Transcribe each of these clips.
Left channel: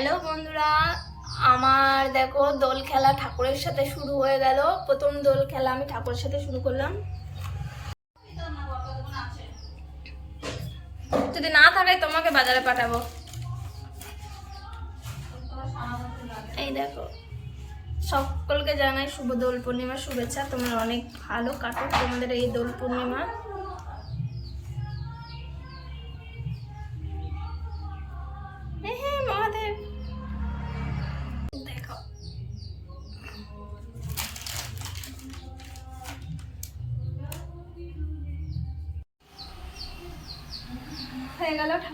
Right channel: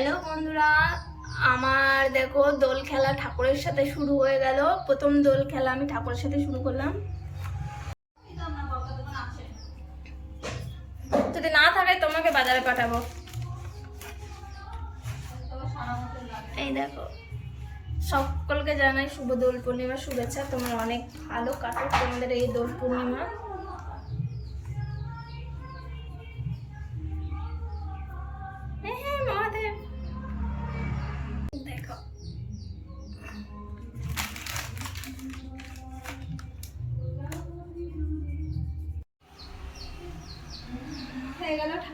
Hello বন্ধুরা, আমার দেখো দোল খেলা ঠাকুরের সাথে শুরু হয়ে গেল। প্রথম দোল খেলা আমি ঠাকুরের সাথে শুরু করলাম। যদি না থাকে তোমাকে বাজারে পাঠাবো। এই দেখো, সকলকে জানাই শুভ দোল পূর্ণিমার শুভেচ্ছা। তোমার অনেক ভালো কাটুক তোমাদের এই দোল পূর্ণিমা।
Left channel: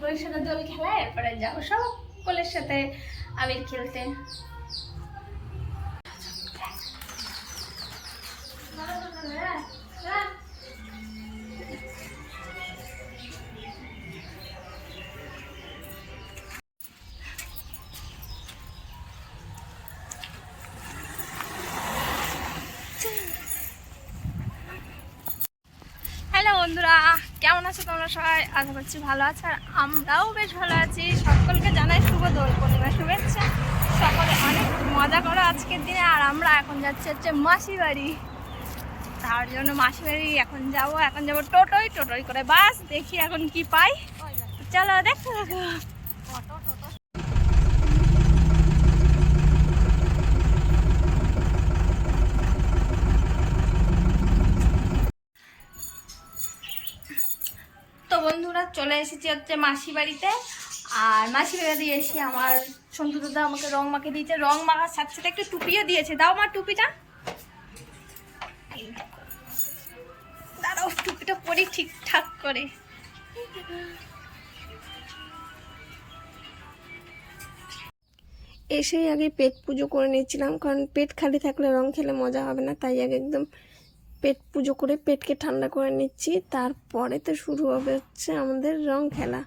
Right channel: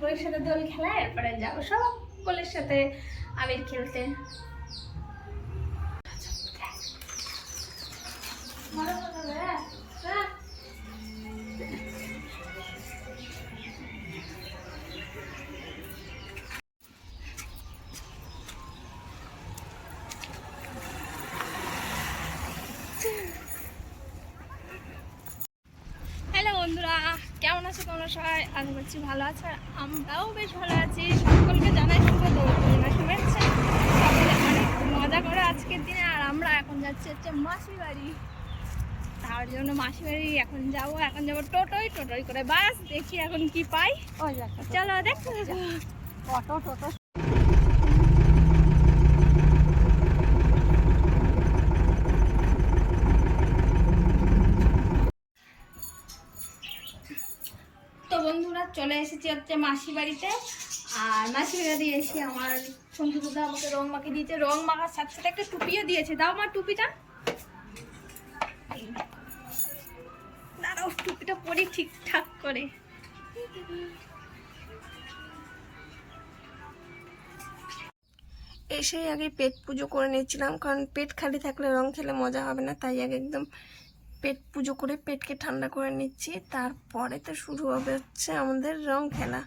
হয়ে সাথে দোল খেলা এরপরে যাব সকলের সাথে আবির খেলতে। হ্যালো বন্ধুরা কেমন আছো তোমরা সবাই? আশা করছি ভালো আছো আর আমরাও বেশ ভালো আছি। সকলকে জানাই শুভ দোল পূর্ণিমা শুভেচ্ছা। সকলে অনেক মজা করো আজকের দিনে আর আমরা এখন যাচ্ছি হচ্ছে মাসি বাড়ি তার জন্য মাসি বাড়ি এখন যাব এখন যাব টোটোই টোটোই করে বাস দেখি এখন কি পাই। চলো দেখো দেখো চলে এসেছি হচ্ছে মাসি বাড়িতে। আর মাসি বাড়ি এসে আমার সন্তু দাদা আমাকে রং মাকে দিয়েছে। রং মাখার সাথে সাথে একটা টুপিও দিয়েছে। দাও আমার টুপিটা। দাঁড়াও, টুপিটা পরি ঠিকঠাক করে। এসেই আগে পেট পুজো করে নিচ্ছিলাম কারণ পেট খালি থাকলে রং খেলে মজা হবে না, তাই আগে একদম পেট পুজো করে পেটকে ঠান্ডা করে নিচ্ছি। তারপরে তো শুরু হবে হচ্ছে আমাদের রং খেলা।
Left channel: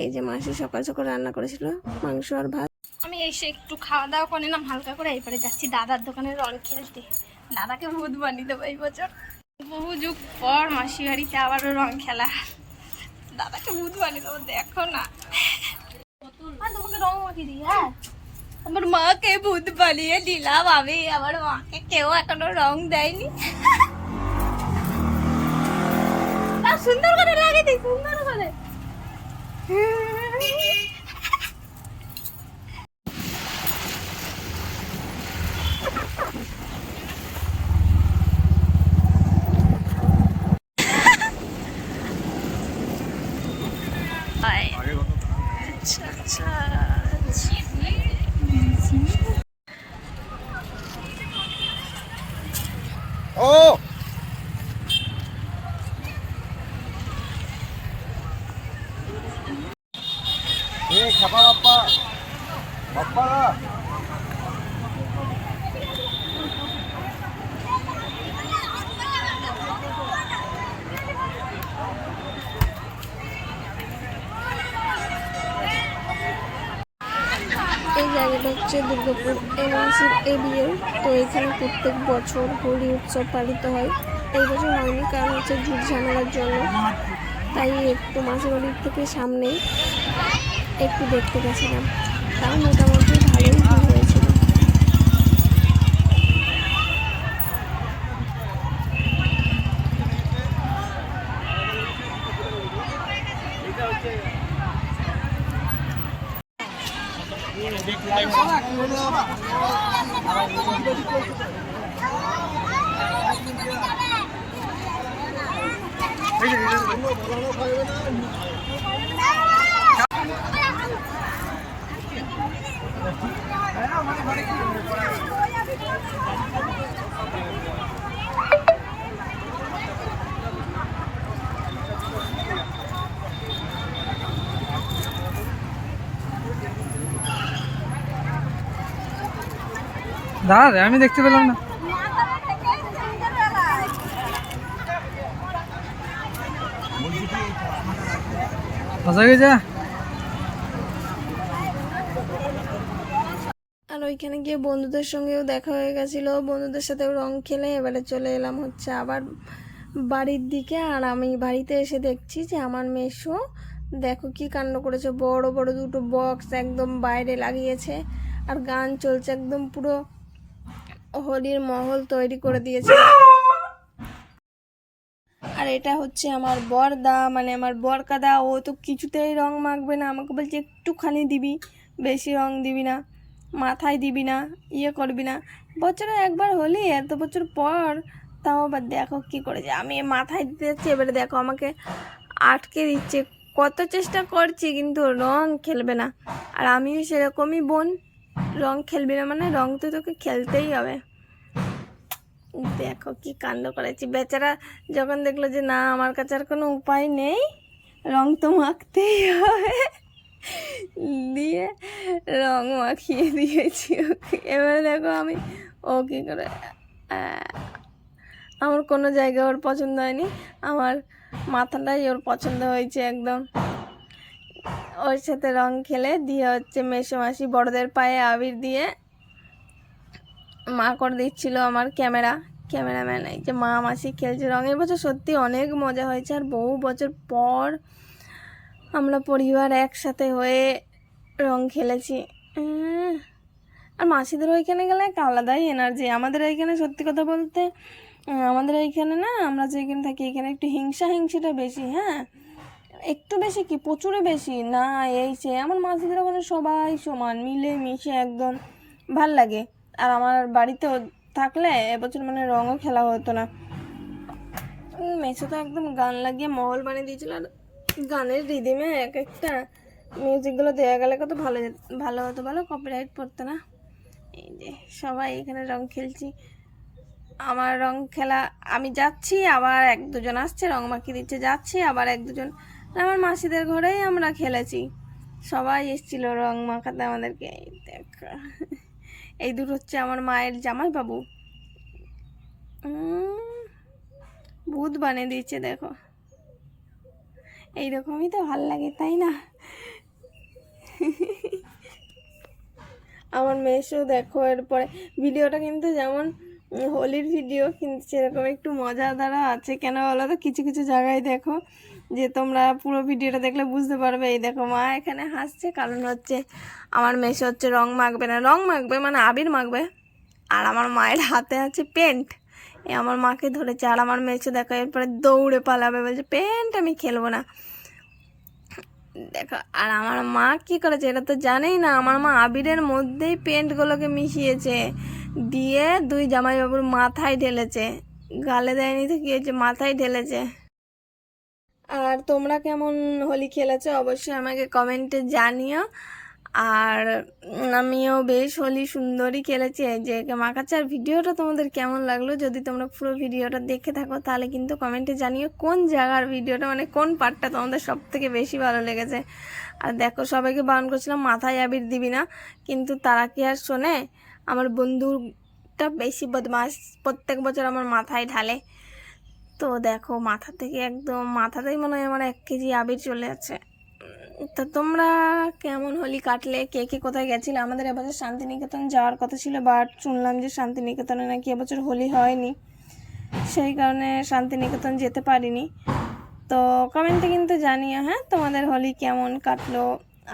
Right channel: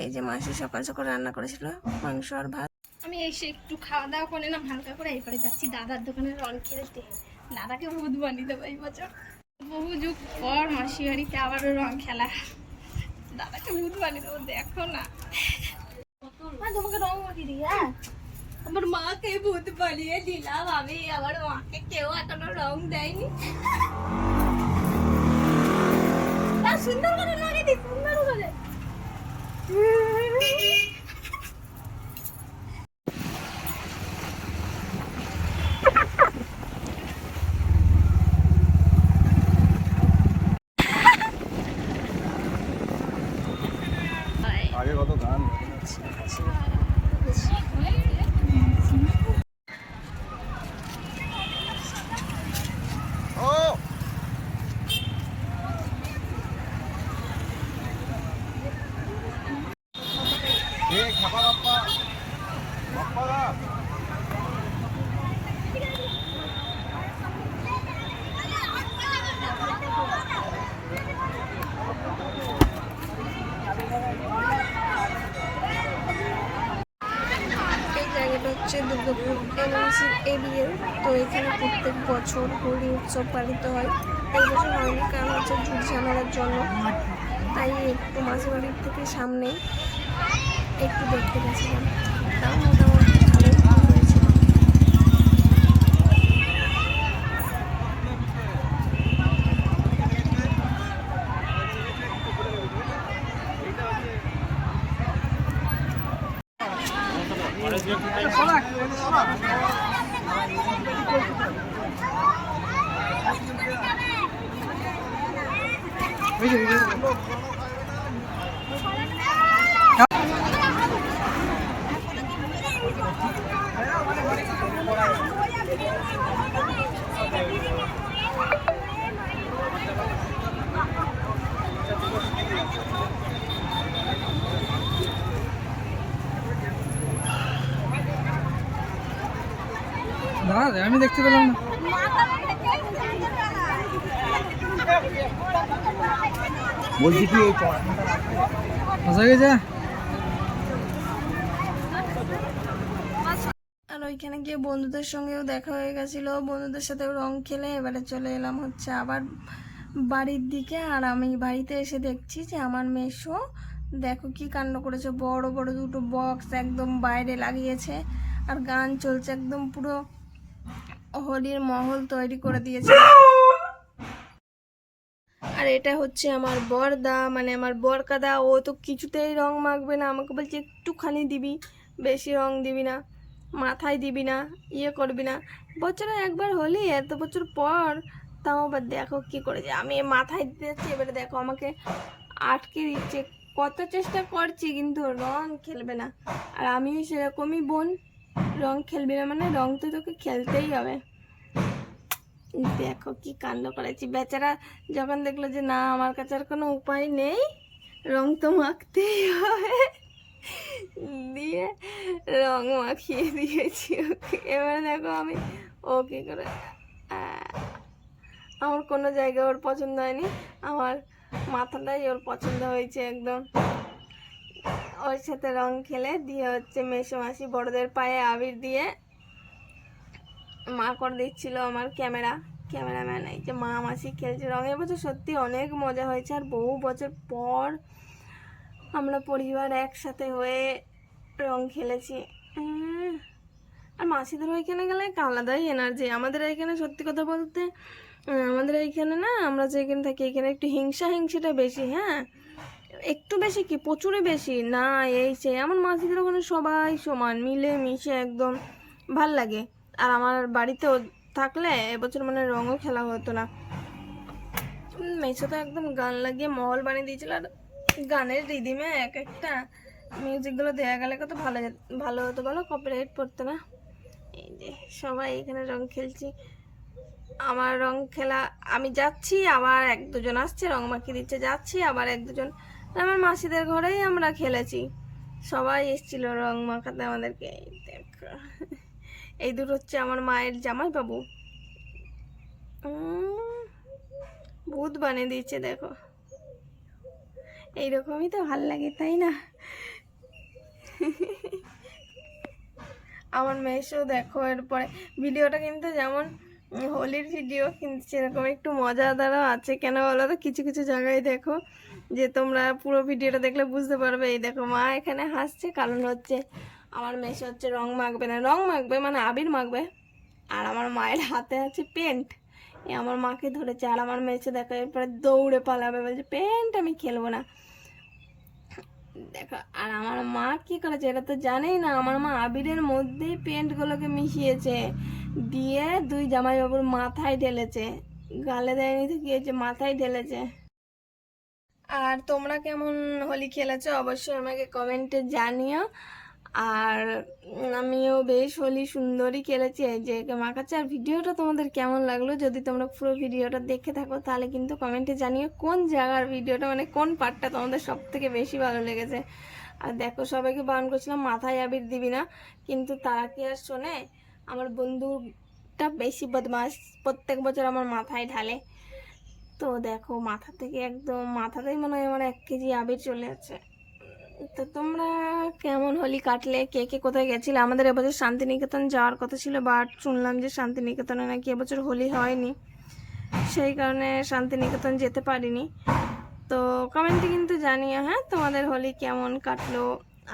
এই যে মাসি সকাল সকাল রান্না করেছিল, মাংস আর ভাত। আমি এসে একটু খাওয়া দাওয়া করে নিলাম, হালকা করে এরপরে যাচ্ছি দাদার দোকানে রং খেলতে। দাদাকে ভূত বানিয়ে দেবো এই বছর। বহু যুগ পর মাসি বাড়িতে আবারও রং খেলা। দাদাকে ভূত বানিয়ে দেবো, দেখো না। তোমাকে রং মাখিয়ে দিই হ্যাঁ? আমার মাকে ভূত বানিয়ে দিলাম, আমি, আমার মাকে কেউ এখনও রং দেয়নি না, সুন্দর করে লাগিয়ে দিই সুন্দর করে। এই জায়গাটা হচ্ছে দুর্গাপুর এমএনসির এবিএল। তো এখানে প্রত্যেক বছর হোলি উৎসব পালিত হয়। এই বছর হয়নি, কারণ হচ্ছে ঝুট ঝামেলার জন্য। তাই একটু মাসির বাড়ির থেকে সামনেই। একটু দেখতে গেছিলাম। তাও মোটামুটি ভালোই ভিড় হয়েছিল দাঁড়া আমি দেখতে পেলাম না। বলছি কি ফসা গেছে? আর ওইখানে গিয়ে বন্ধুদের সঙ্গেও দেখা হয়ে গেছিল। বন্ধুদের সাথেও রং খেলে এবারে চলে এলাম হচ্ছে আবার বাড়ির দিকে। আর আমি বাড়িতে এসে দেখছি যে আমার মেশো দেখো কি কাণ্ড করেছে। বড় বড় দুটো বক্স একদম বাইরে লাগিয়েছে। আর গান চলছে একদম পুরো হোলির মহল তৈরি করে দিয়েছে। আর এটা হচ্ছে আমার বরদা মানে আমার বরকাদা। ও তো কিছুতেই রং মাখবে না। আমাকে বলছে, একটুখানি দিবি, বেশি রং দিবি না, মাথায় দিবি না ইয়ে করবি না। বছরে একবার হলি এত বছর পর, তাও আবার দেখো কী করেছে আমি মাথায় দিতে যাচ্ছি, এবারে দেখো আমাকে আটকে দিচ্ছে। কত চেষ্টা করছি, কিন্তু রং খেলবে না। আর আমিও সেরকমই বোন। রং খেলবি না মানে রং তো তোকে খেলতেই হবে। দেখো কি কাণ্ড করেছি। বেচারা যখন দেখল যে না, আমার কাছে আর কোনো উপায় নেই, রং তো মাখতেই হবে। দিয়ে রং মাখিয়ে দিয়েছি ওকে। এবারে দেখো আমি ও কী করে আমার কোনো জায়গায় ওর পছন্দ হয়নি। আমার মাথাটাই ওর পছন্দ হয়েছে একদম। ওর সাথে রং খেলে দিয়ে হচ্ছে মেসো মাসি বড়দের পায়ে আবির দিয়ে মা করে দিচ্ছিল আমার ক্যামেরা। ক্যামেরাম্যান, এই যে মা মাসি খেলছে রঙের বছর সত্যি অনেক মজা হয়েছে। আর বহু বছর পর আমরা পরিবার একসাথে হয়ে রং খেলেছি। আর মাসিদের ওইখানে গেলে একটা আলাদাই এনার্জি আমাদের এইখানে সত্যি কথা বলতে, আমাদের এইখানে না, আমরা যেখানে থাকি, এখানে একটু হিংসা হিংসিটা বেশি হ্যাঁ? একটু বেশি কি? প্রচুরই বেশি? না, এই সে আমার মাসিদের ওখানে সবাই সমান মিলে মিশে একদম ভালো লাগে। আর আমার বাড়িতেও থাকলে এবছর মানে রঙও খেলা হতো না। মেসো তো একদম গান লাগিয়ে মহল বানিয়ে দিয়েছিল আর গানের রিদিমে এক একটা মিউজিকগুলো দেওয়া গেলে কত ভালো ভালো হতো বলো? কপিরাইট পড়তো না? এই যে সবাই এখানে রং খেলছি। আমার রং খেলা, আমি যাচ্ছি, আবার এক দুজন আসছে, রং মাখিয়ে দিচ্ছে, যাচ্ছি, আবার এক দুজন আমার মাসিদের ঘরেই আমরা খেলেছি। সবাই এসেছিল রং মাখাতে আমাদেরকে। দেখো। এই দুটো হচ্ছে আমার মায়ের জামাই বাবু ভূত বানিয়ে দিচ্ছে দেখো। এইরকমই তো ভালো লাগে, তাই না? আমার মেয়েসও দেখো, এরপরে ভিডিওটা কিন্তু যেমন হোলির ভিডিও, কিন্তু সেরকম একটু মজাদারও আছে। কেন বলো তো? কিছু কিছু জায়গায় দেখো যে তোমরা পুরো ভিডিওটা দেখলে বুঝতে পারবে, এই দেখো মা এখানে হাসছে। কারণ হচ্ছে আমার মেসে হচ্ছে রং মাখবে না। রং মাখবে মানে আবির মাখবে। আর আমার মায়ের হাতে আছে পেন্ট। এ আমার মাকে ধরেছে। আর আমার মেসে দেখো এরপরে দৌড়ে পালাবে। বলছে, পেন্ট আমি খেলব না। দেখো, আর আমার মা কি করেছে এটা তো জানেই না। আমার মা আবিরের মধ্যেই পেন্টগুলোকে মিশিয়েছে। দিয়ে দুই জামাইবাবুর মাথায় ঢেলেছে। গালে দেয়নি তো কি হয়েছে? মাথায় ঢেলেছে। আর তোমরা কেমন হোলি খেলেছো অবশ্যই আমাকে কমেন্টে জানিও। আর আমিও বেশ হোলি সুন্দরই খেলেছি। এই যে মাখাচ্ছে আর ভিডিওটা তোমাদের কেমন লাগল যদি তোমরা পুরো ভিডিওটা দেখে থাকো তাহলে কিন্তু কমেন্টে জানিও কোন জায়গার ভিডিওটা মানে কোন পার্টটা তোমাদের সব থেকে বেশি ভালো লেগেছে। আর দেখো সবাইকে বারণ করছিলাম, মাথায় আবির দিবি না। কিন্তু তারা কি আর শোনে? আমার বন্ধুটা বেশি বদমাস প্রত্যেক বছর আমার মাথায় ঢালে। তো দেখো মাথা থেকে একদম মাথাতেই মনে হয় আমার এক কেজি আবির চলে আছে। তো তোমরা কেমন হোলি কাটলে? কে কে কোথায় গেছিলে? আমাদের এবছর শান্তিনিকেতন যাওয়ার কথা ছিল বাট শুনলাম যে শান্তিনিকেতনে নাকি এবছর হোলি হয়নি। সেই কারণে শান্তিনিকেতন যেতে পারিনি। তো কমেন্টে কিন্তু জানিও হ্যাঁ তোমাদের হোলি কেমন কাটলো?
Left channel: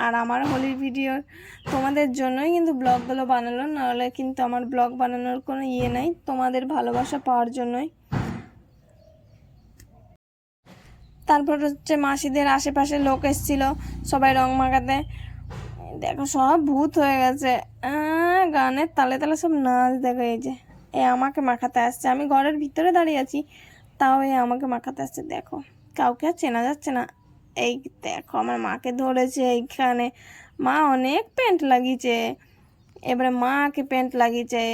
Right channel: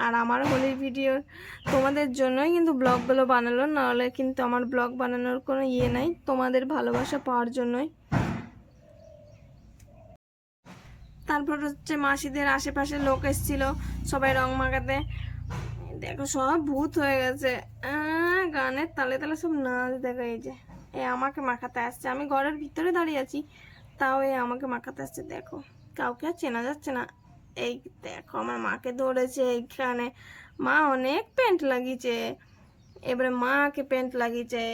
আর আমার হোলির ভিডিও তোমাদের জন্যই কিন্তু ব্লগগুলো বানালো, নাহলে কিন্তু আমার ব্লগ বানানোর কোনো ইয়ে নাই। তোমাদের ভালোবাসা পাওয়ার জন্যই। তারপর হচ্ছে মাসিদের আশেপাশে লোক এসেছিল, সবাই রং মাখাতে। দেখো সব ভূত হয়ে গেছে। গানের তালে তালে সব নাচ দেখো এই যে। এ আমাকে মাখাতে আসছে। আমি ঘরের ভিতরে দাঁড়িয়ে আছি, তাও এ আমাকে মাখাতে আসছে। দেখো, কাউকে আর চেনা যাচ্ছে না। এই দেখো, আমার মাকে ধরেছে এইখানে। মা অনেক প্যান্ট লাগিয়েছে। এবারে মাকে প্যান্ট লাগিয়েছে।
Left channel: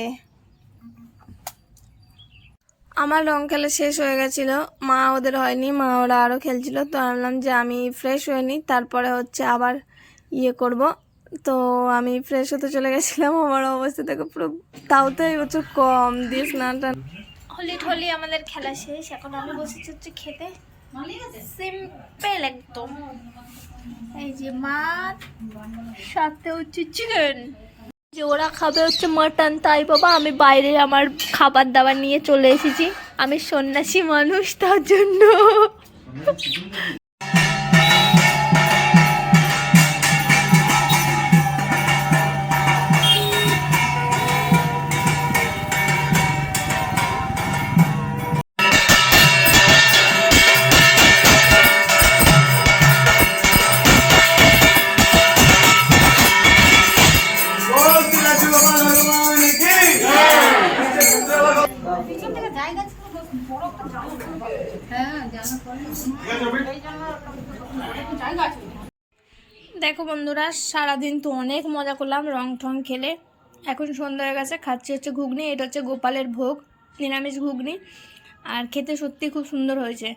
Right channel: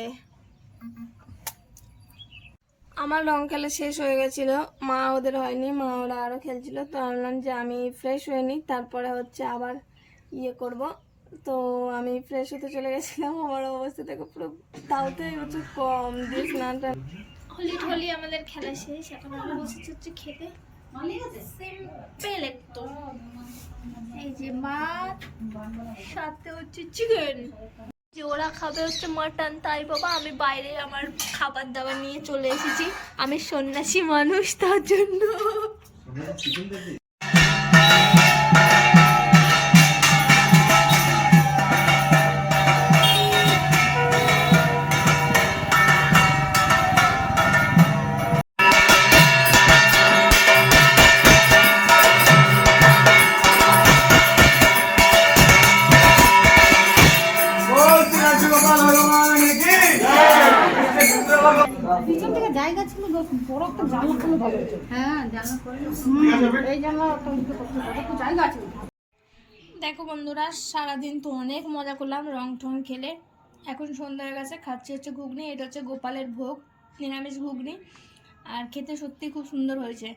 আমার রং খেলা শেষ হয়ে গেছিল। মা ওদের হয়নি, মা ওরা আরও খেলছিল। তো আমি বললাম যে আমি ফ্রেশ হয়ে নিই, তারপরে হচ্ছে আবার ইয়ে করব। তো আমি ফ্রেশ হতে চলে গেছিলাম, আমার অবস্থা থেকে পুরো তাও তো এই বছর কম, দিয়ে স্নান টান। হোলি ঠলি আমাদের খেলা শেষ, এখন আমি বসেছি হচ্ছে খেতে। সিম্পল একদম। এই যে মাছ সাথে হচ্ছে চিকেন যে ওরা খাবে হচ্ছে মাটন তাই বাবা আমি বাইরে আমার খাবার দাবার নিয়ে চলে এসেছি। আমি সন্ন্যাসী মানুষ, তার জন্য। বড় একটা হ্যাঁ জানলা খুলে এই জানলা একটু জায়গা আছে দেখো বন্ধুরা সারাদিন তো অনেক মজা করলাম রং ঠং খেলে। এখন সন্ধ্যা হয়ে গেছে খাচ্ছি হচ্ছে ঘুগনি এটা হচ্ছে গোপালের ভোগ নিরামিষ ঘুগনি। আর খেতে সত্যি খুব সুন্দর হয়েছে।